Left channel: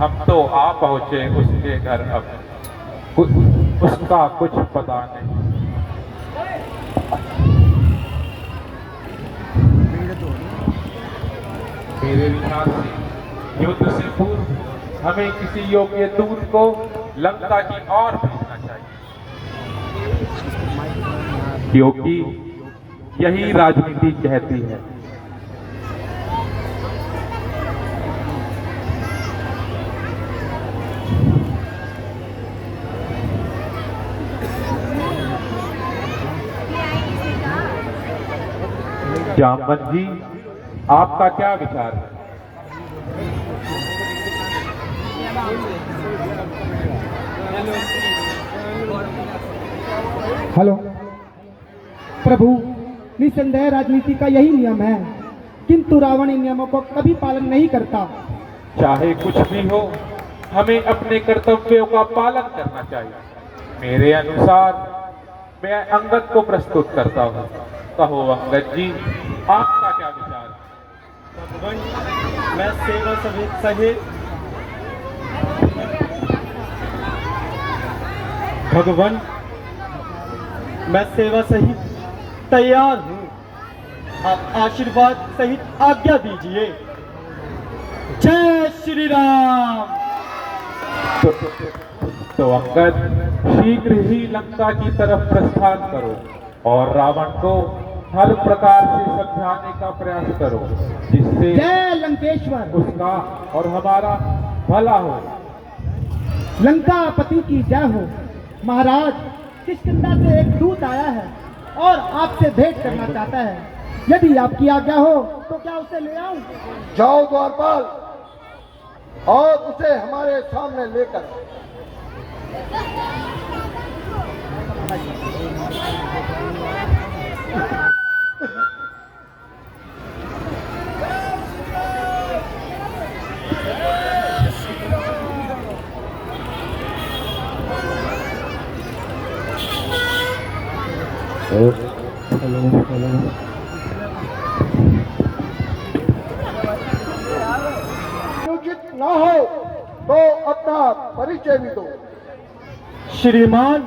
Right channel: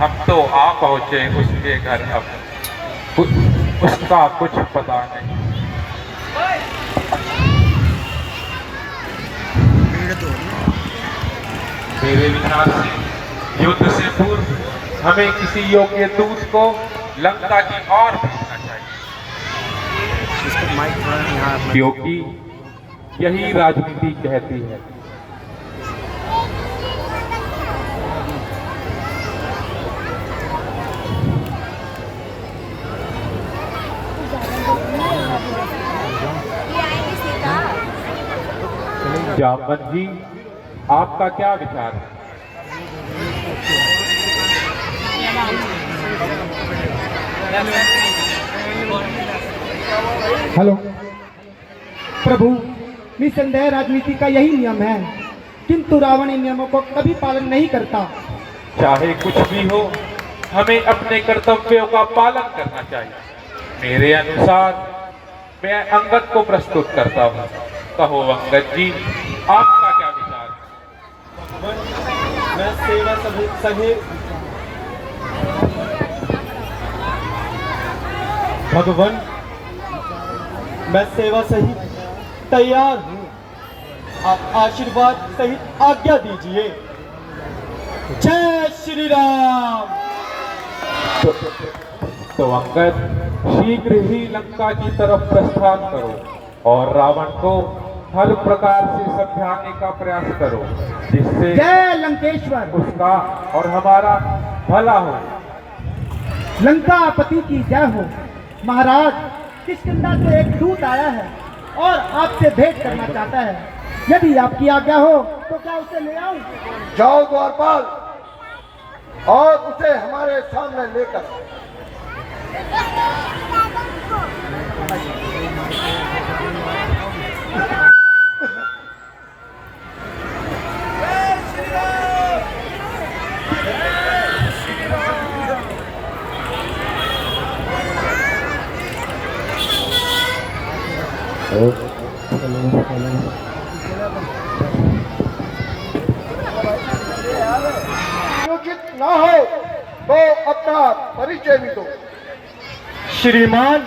हम तो आ पहुंचे उसके घर, अब उसका कुछ पता नहीं। मेरे विचार से युद्ध से पूर्व हमें किसी योग्य दूत को लंका की ओर भेजना चाहिए, क्योंकि यही राजनीति कहती है। जामवंत जी, आपका क्या विचार है? हेलो प्रभु, निसंदेह राजनीति का यही नियम है, किंतु रावण इन नियमों को कभी पालन नहीं करता। चाहे कुछ भी हो, हमें अपने कर्तव्यों का पालन करना चाहिए। मेरे अनुसार मैं अंगद को प्रस्तुत करता हूँ। कहो अंगद जी, आपका क्या विचार है? मैं सेवा सहित भगवान, मैं सेवा सहित तैयार हूँ। आप आशीर्वाद सहित आज्ञा दीजिए। जय श्री राम। तो अंगद, शीघ्र ही लंका की तरफ प्रस्थान करो और रावण को हर प्रकार से समझाने का प्रयास करो, जिससे जय लंकेश्वर, उसका और हमारा भला हो। लंकापति की जय हो। महाराज, किष्किंधा से एक दूत आया है और आपसे भेंट करना चाहता है। यदि आपकी आज्ञा हो तो क्या उसे ले आऊं? जाओ द्वारपाल, और उसे हमारे सामने लेकर। उचित ना हो तो अपना परिचय भी दो। श्रीमान,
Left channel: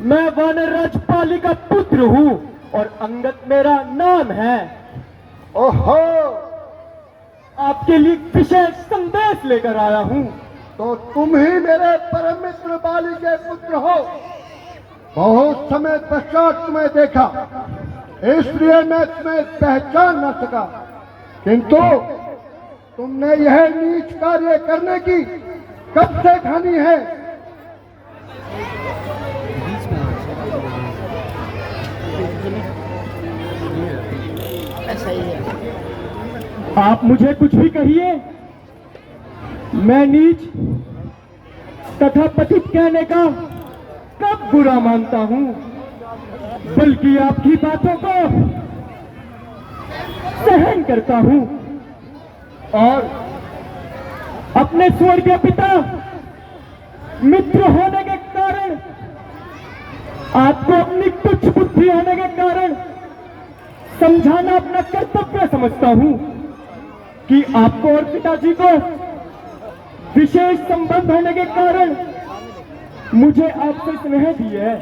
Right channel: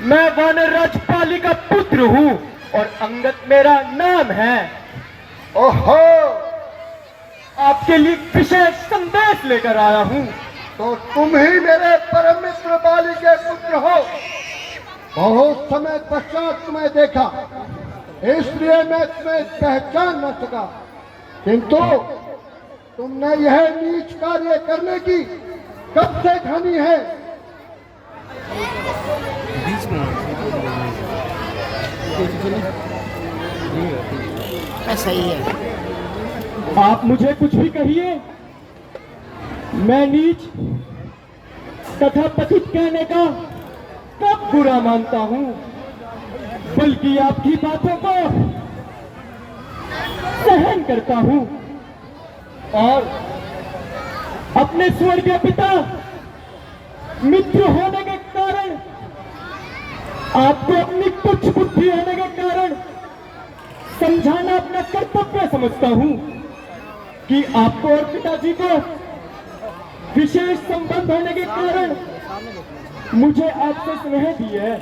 मैं वानर राजपाली का पुत्र हूँ और अंगद मेरा नाम है। ओहो, आपके लिए विशेष संदेश लेकर आया हूँ। तो तुम ही मेरे परम मित्र बाली के पुत्र हो। बहुत समय पश्चात तुम्हें देखा, इसलिए मैं तुम्हें पहचान न सका, किंतु तुमने यह नीच कार्य करने की कब से ठानी है? ऐसा ही है। आप मुझे कुछ भी कहिए, मैं नीच तथा पतित कहने का कब बुरा मानता हूँ, बल्कि आपकी बातों को सहन करता हूँ और अपने स्वर्गीय पिता मित्र होने के कारण, आपको अपनी तुच्छ बुद्धि होने के कारण समझाना अपना कर्तव्य समझता हूँ कि आपको और पिताजी को विशेष संबंध होने के कारण मुझे आपसे स्नेह दी है।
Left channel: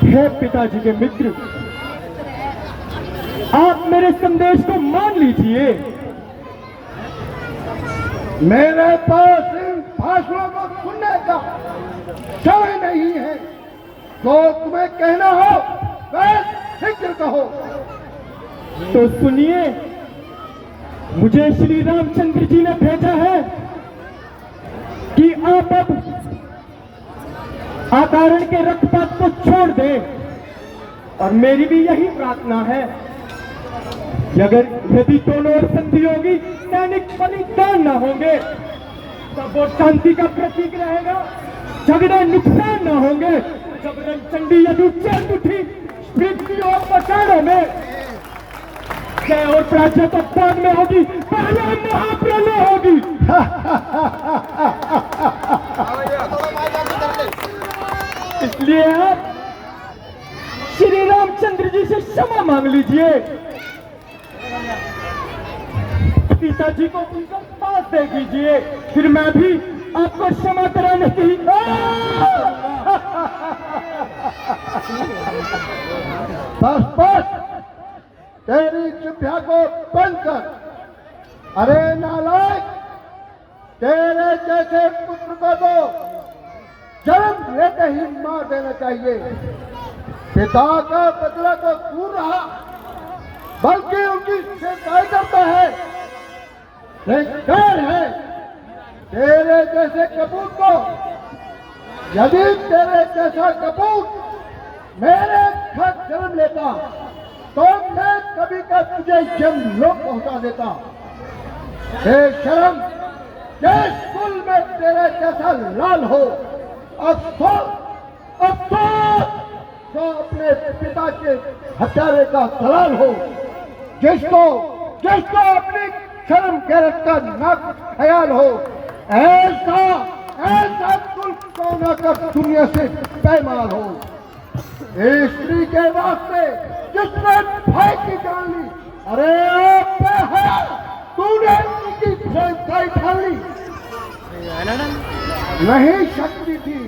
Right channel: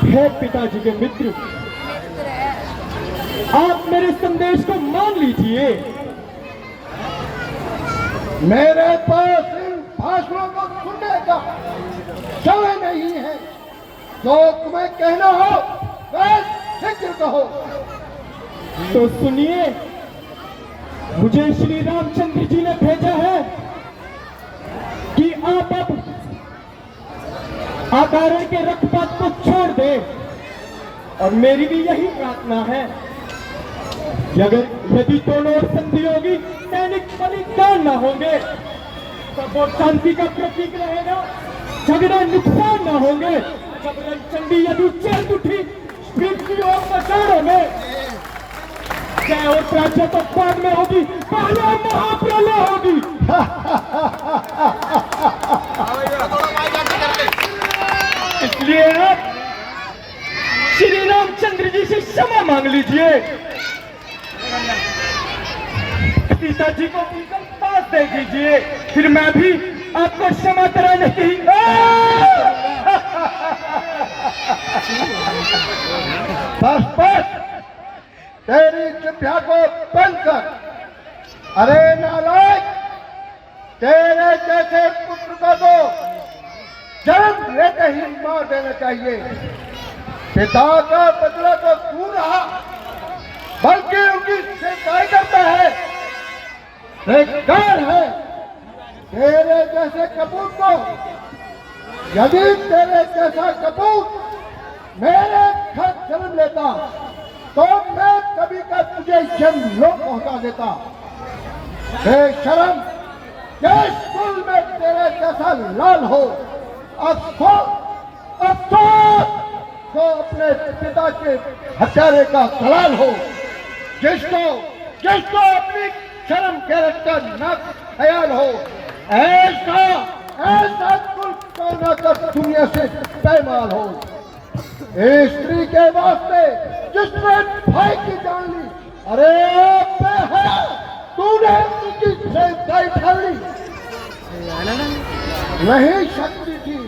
हे पिताजी के मित्र, आप मेरे संदेश को मान लीजिए। मेरे पास इन भाषणों को सुनने का समय नहीं है, जो तुम्हें कहना हो वह शीघ्र कहो। तो सुनिए, मुझे श्री रामचंद्र जी ने भेजा है कि आप अब अकारण के रक्तपात को छोड़ दें, और मेरी भी यही प्रार्थना है कि अगर यदि दोनों ओर संधि होगी, सैनिक बलिदान न होंगे, तब वो शांति का प्रतीक रहेगा। झगड़े नुकसान न होंगे। जब रणचंडी यदि चैन उठी पृथ्वी और पचारों में, जय और प्राच्य तो बाद में होगी, पहले महाप्रलय होगी। इसलिए आप श्री रामचंद्र जी से क्षमा मांग लीजिए। पिताजी को उनके पास दे दीजिए, फिर मैं भी आपको क्षमा कराने की बस बस, तेरी जिभ्या को बंद कर। अरे नालायक, तेरे जैसे पुत्र को तो जन्म लेते ही मार देना चाहिए। पिता का बदला तो दूर रहा, बल्कि उनकी शिकायत करता है। बेकार है तेरे जैसे कपूत को। यदि तेरे जैसा कपूत मेरे घर जन्म लेता तो मैं कभी का तुझे जन्म लोक पहुंचा देता। बेशरम, जिस कुल में तेरे जैसा लाल हो, अफसोस अफसोस तो अपने पिता के हत्यारे का दलाल हो, जिसको जिसको अपनी शर्म गैरत का न ख्याल हो। ऐसा ऐसा कुल कौन कर दुनिया से पैमाल हो। इस स्त्री के वास्ते जिसने भाई की जान ली, अरे बेहया, तूने उनकी सेवकाई ठान ली। नहीं शक्ति थी,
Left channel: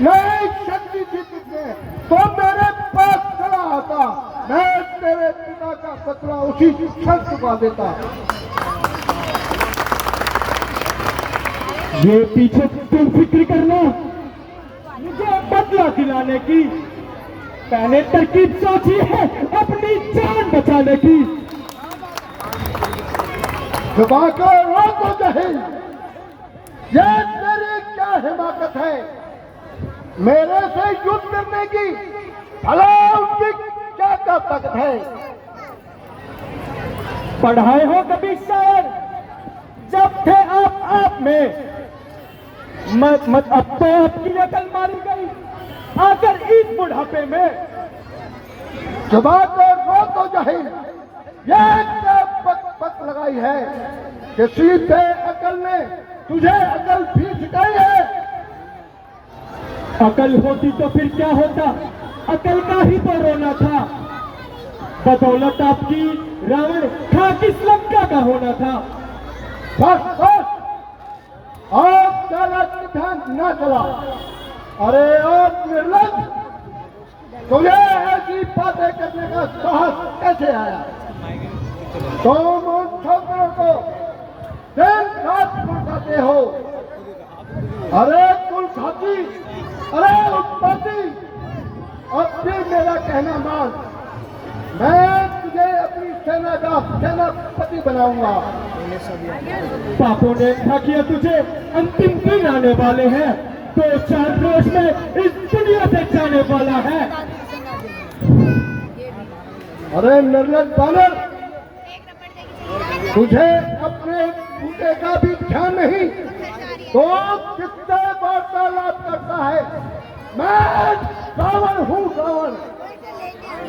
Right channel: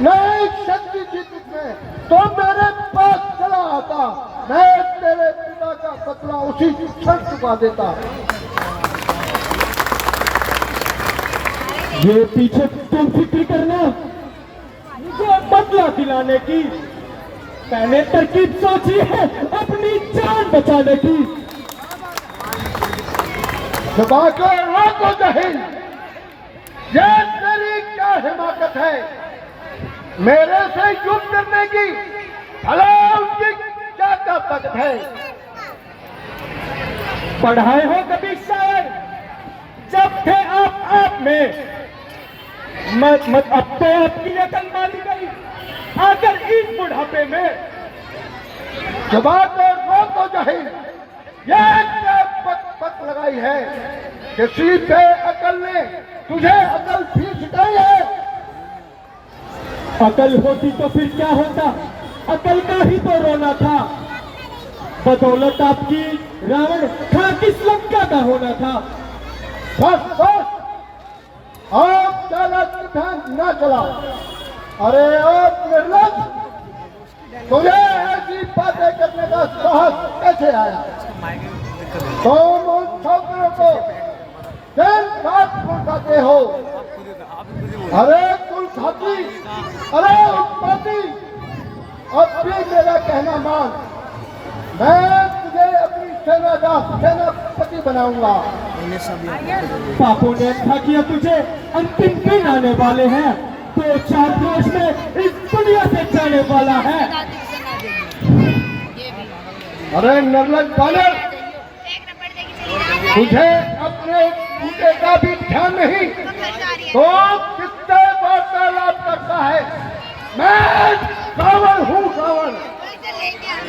नहीं शक्ति थी तुझमें तो मेरे पास चला आता, मैं तेरे पिता का बदला उसी क्षण चुका देता। ये पीछे तुम फिक्र करना, मुझे बदला दिलाने की मैंने तरकीब सोची है अपनी जान बचाने की। सुबह को रोको जहील, ये तेरी क्या हिमाकत है मेरे से युद्ध करने की? भला उनकी क्या ताकत है? पढ़ाए हो कभी शायर, जब थे आप में मत अब तो आपकी अकल मानी गई, आकर इस बुढ़ापे में। सुबह को रोको जहील, ये क्या पक लगाई है? किसी पे अकल ने तुझे अकल भी सिखाई है? अकल होती तो फिर क्या होता, अकल का ही तो रोना था। बदौलत आपकी रावण खाक इस लंका का होना था। बस बस, आप ज्यादा ध्यान न चला। अरे आप निर्लज, तुझे ऐसी बातें करने का साहस कैसे आया? तुम उन छात्रों को दिन रात भड़काते हो। अरे कुल खाती, अरे उत्पत्ति, अब भी मेरा कहना मान, मैं तुझे अपनी सेना का सेनापति बनाऊंगा। पापों ने क्या किया तुझे, अंतिम दिन आने वाले हैं, तो 4 रोज में इस दुनिया से जाने वाला है। अरे निर्लज बालक, तुझे अपने बूटे का भी ध्यान नहीं तो कितने वार्तालाप करता है? मैं रावण हूँ, रावण।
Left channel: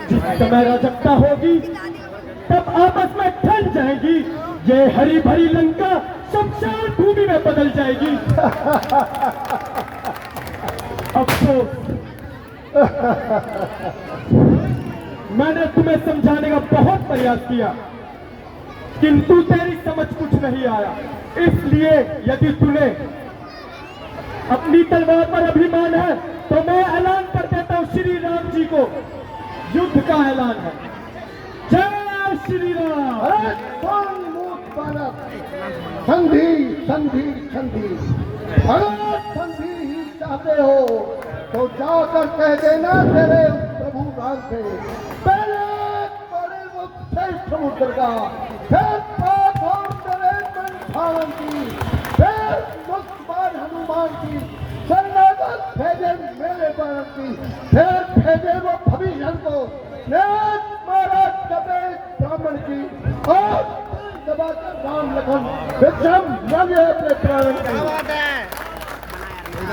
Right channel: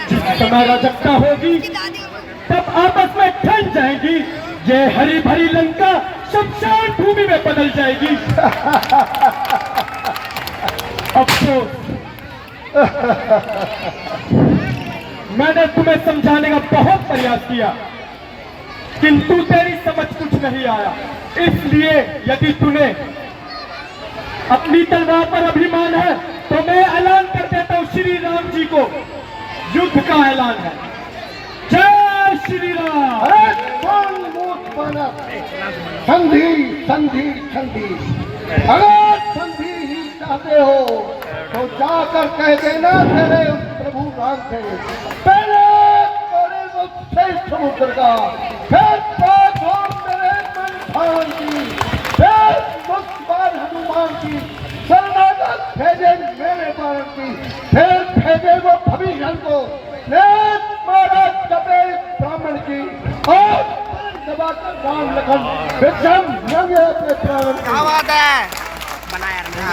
जिस समय राजकता होगी तब आपस में ठन जाएगी, ये हरी भरी लंका शमशान भूमि में बदल जाएगी। अफसोस, मैंने तुम्हें समझाने का बहुत प्रयास किया, किंतु तेरी समझ कुछ नहीं आया। इसलिए यदि तूने अपनी तलवार पर अभिमान है तो मैं ऐलान कर देता हूं, श्री राम जी को युद्ध का ऐलान है। जय श्री राम। अरे कौन मूर्ख बालक, संधि संधि संधि, अगर संधि ही चाहते हो तो जाकर कह देना तेरे प्रभु राम से, पहले बड़े वो श्रेष्ठ समुद्र का, फिर बात हो मेरे मन की, फिर मुस्कान हनुमान की, शरणागत भेजे मेरे बाण की, फिर भेजे वो भविष्य को, मारा दबे ब्राह्मण की, और दबाकर राम लखन विक्रम लगे अपने प्राण की।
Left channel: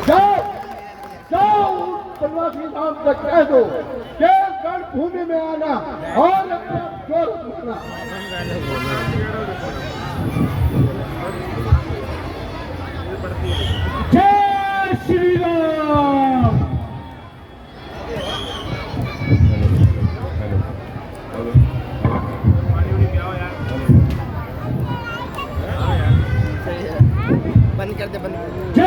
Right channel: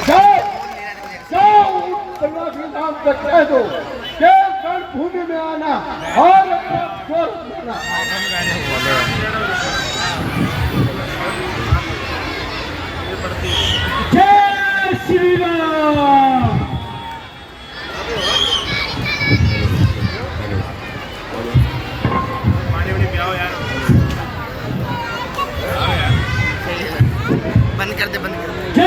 जाओ नाम से कह दो कि रणभूमि में आना और अपना जोर करना। जय श्री राम। बंद कर दे